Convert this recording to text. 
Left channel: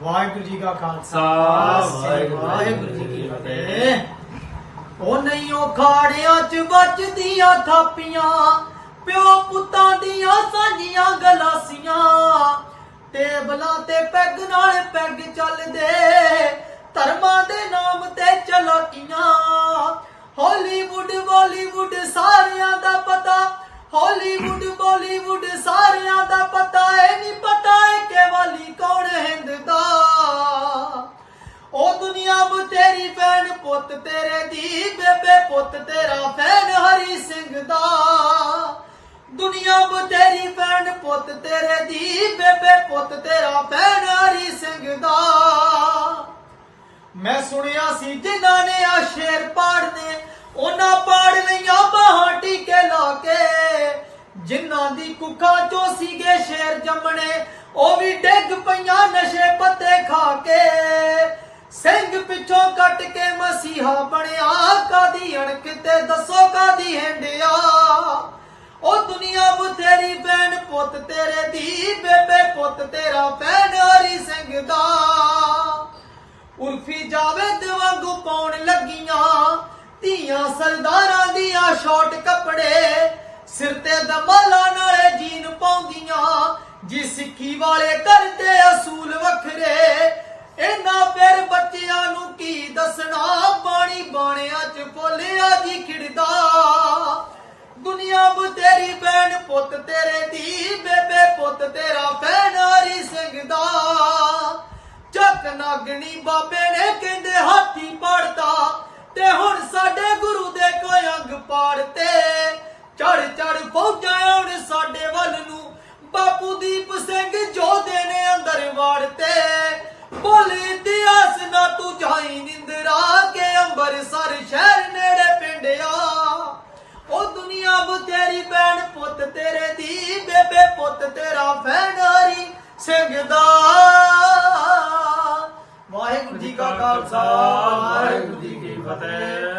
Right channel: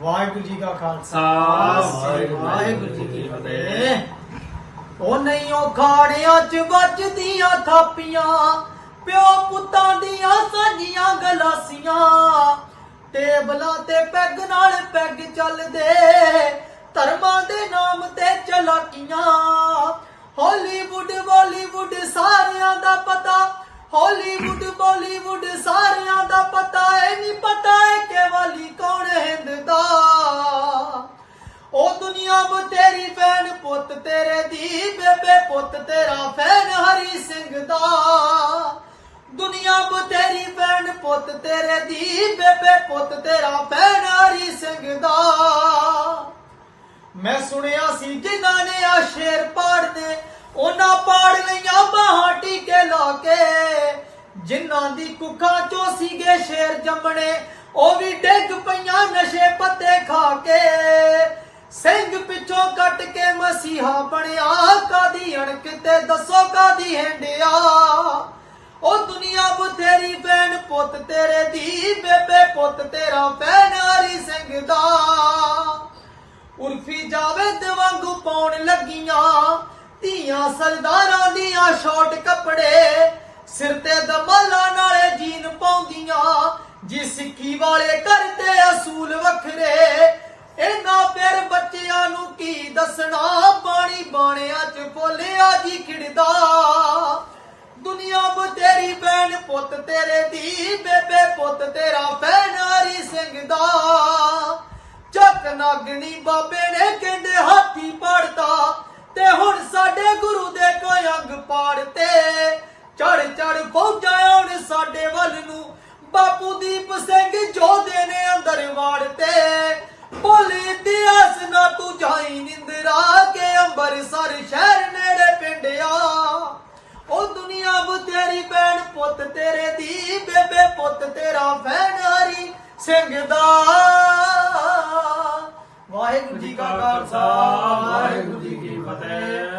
ਵਾਹਿਗੁਰੂ ਜੀ ਕਾ ਖਾਲਸਾ ਵਾਹਿਗੁਰੂ ਜੀ ਕੀ ਫਤਿਹ। ਉਹ ਨਹੀਂ ਉਹ ਖਾੜਿਆਂ 'ਚ ਵੱਜਦੀਆਂ ਥਾਪੀਆਂ ਪਿਓ ਪੁੱਤਾਂ ਦੀਆਂ ਸਾਂਝੀਆਂ ਗਲਾਸੀਆਂ। ਟੇਬਲਾਂ ਤੇ ਪੈਗ ਨਾਲ ਪੈਗ ਚੱਲਦੇ ਧਰਮਾਂ ਦੇ ਨਾਮ ਤੇ ਚਲਾਕੀਆਂ। ਹਾਲੀਵੁੱਡ ਬਾਲੀਵੁੱਡ ਸਾਰਿਆਂ ਦਾ ਪਤਾ ਹਾਲੀਵੁੱਡ ਬਾਲੀਵੁੱਡ ਸਾਰਿਆਂ ਦਾ ਪਤਾ। ਏ ਨਹੀਂ ਪਤਾ ਏ ਕਿ ਵਾਲੀ ਕੌਣ ਉਹ ਤੇਰੀ ਭੈਣ ਪੁੱਤ ਤੇਰੇ ਦੀ ਬੇਬੇ ਪੁੱਤ ਤੇਰਾ ਫੈਨ ਹਰੀ ਸਿੰਘ ਦਾ। ਦੁਨੀਆ ਬਤੇਰੀ ਭੈਣ ਪੁੱਤ ਤੇਰੇ ਦੀ ਬੇਬੇ ਪੁੱਤ ਤੇਰਾ ਫੈਨ ਹਰੀ ਸਿੰਘ ਦਾ। ਮੈਂ ਸੁਣਿਆ ਸੀ ਜਿਨ੍ਹਾਂ ਨੇ ਆ ਸ਼ੇਰ ਪਾੜਨੇ ਉਹਨਾਂ ਪਾੜ ਲਈਆਂ ਬਾਹਾਂ ਟੀਕੇ ਲਾ ਕੇ। ਜਿਨ੍ਹਾਂ ਦੀ ਕੁੱਖਾਂ ਚੋਂ ਸੀਗੇ ਸ਼ੇਰ ਜੰਮਣੇ, ਉਹ ਵੀ ਡਿੱਗ ਪਈਆਂ ਨਸ਼ੇ ਪੱਤੇ ਖਾ ਕੇ। ਸਿੰਘ ਕੱਟ ਕੇ ਮਸੀਹਾ ਬਣਿਆ, ਕਾਦੀ ਅਣਕ ਤੇ ਦੱਸੋ ਕਾਦੀ ਹੈਂਡਿਆ? ਉਹ ਦੁਨੀਆ ਬਥੇਰੀ ਫੈਨ ਪੁੱਤ ਤੇਰੇ ਦੀ, ਬੇਬੇ ਪੁੱਤ ਤੇਰਾ ਫੈਨ ਹਰੀ ਸਿੰਘ ਦਾ। ਉਰਫੀ ਜਾਵੇਦ ਵਾਂਗੂ ਪਾਉਣ ਲੱਗੀਆਂ, ਧੀਆਂ ਸਰਦਾਰਾਂ ਦੀਆਂ ਸ਼ਾਰਟ ਕੱਪੜੇ। ਸਿਰ ਤੇ ਦਮਾਲਾ ਨਾਲੇ ਜੀਨ ਪਾਉਂਦੀਆਂ, ਜੀ ਸਿੱਖੀ ਵਾਲੇ ਕਰਦੇ ਅਸੂਲ ਵੱਖਰੇ। ਇਹਨਾਂ ਫਿਰ ਕੀ ਦੱਸਣਾ? ਬਾਣੀ ਬਾਣਿਆਂ ਚ ਫੋਲਿਆ ਜੀ ਖਿੜਦਾ। ਦੁਨੀਆ ਬਤੇਰੀ ਭੈਣ ਪੁੱਤ ਤੇਰੇ ਦੀ ਬੇਬੇ ਪੁੱਤ ਤੇਰਾ ਭੈਣ ਹਰੀ ਸਿੰਘ ਦਾ। ਚੱਕ ਨਾਗਣੀ ਬਾਬੇ ਨੇ ਕਹਿੰਦੇ ਹਾਥੀ ਪੜਦਾ ਤੇ ਹੁਣ ਸਾਡੇ ਗੁਰੂ ਦੇ ਕੋਈ ਅੰਗ ਪਾੜਤੇ। ਚੜ ਚੜ ਫੌਜਾਂ ਹੁਣ ਸਾਡੇ ਵੱਲ ਨੂੰ। ਬਾਪੂ ਦੀਪ ਸਿੰਘ ਜੋਧੇ ਨੇ ਅੰਦਰ ਵਾੜਤੇ। ਕੇ ਅੰਬਰਸਰ ਸ਼ਹਿਰ ਨੇੜੇ ਪਿੰਡ ਆ ਉਹ ਦੁਨੀਆ ਬਤੇਰੀ ਭੈਣ ਪੁੱਤ ਤੇਰੇ ਦੀ, ਬੇਬੇ ਪੁੱਤ ਤੇਰਾ ਫੈਨਾਰੀ ਹਰੀ ਸਿੰਘ ਦਾ। ਵਾਹਿਗੁਰੂ ਜੀ ਕਾ ਖਾਲਸਾ। ਵਾਹਿਗੁਰੂ ਜੀ ਕੀ ਫਤਿਹ।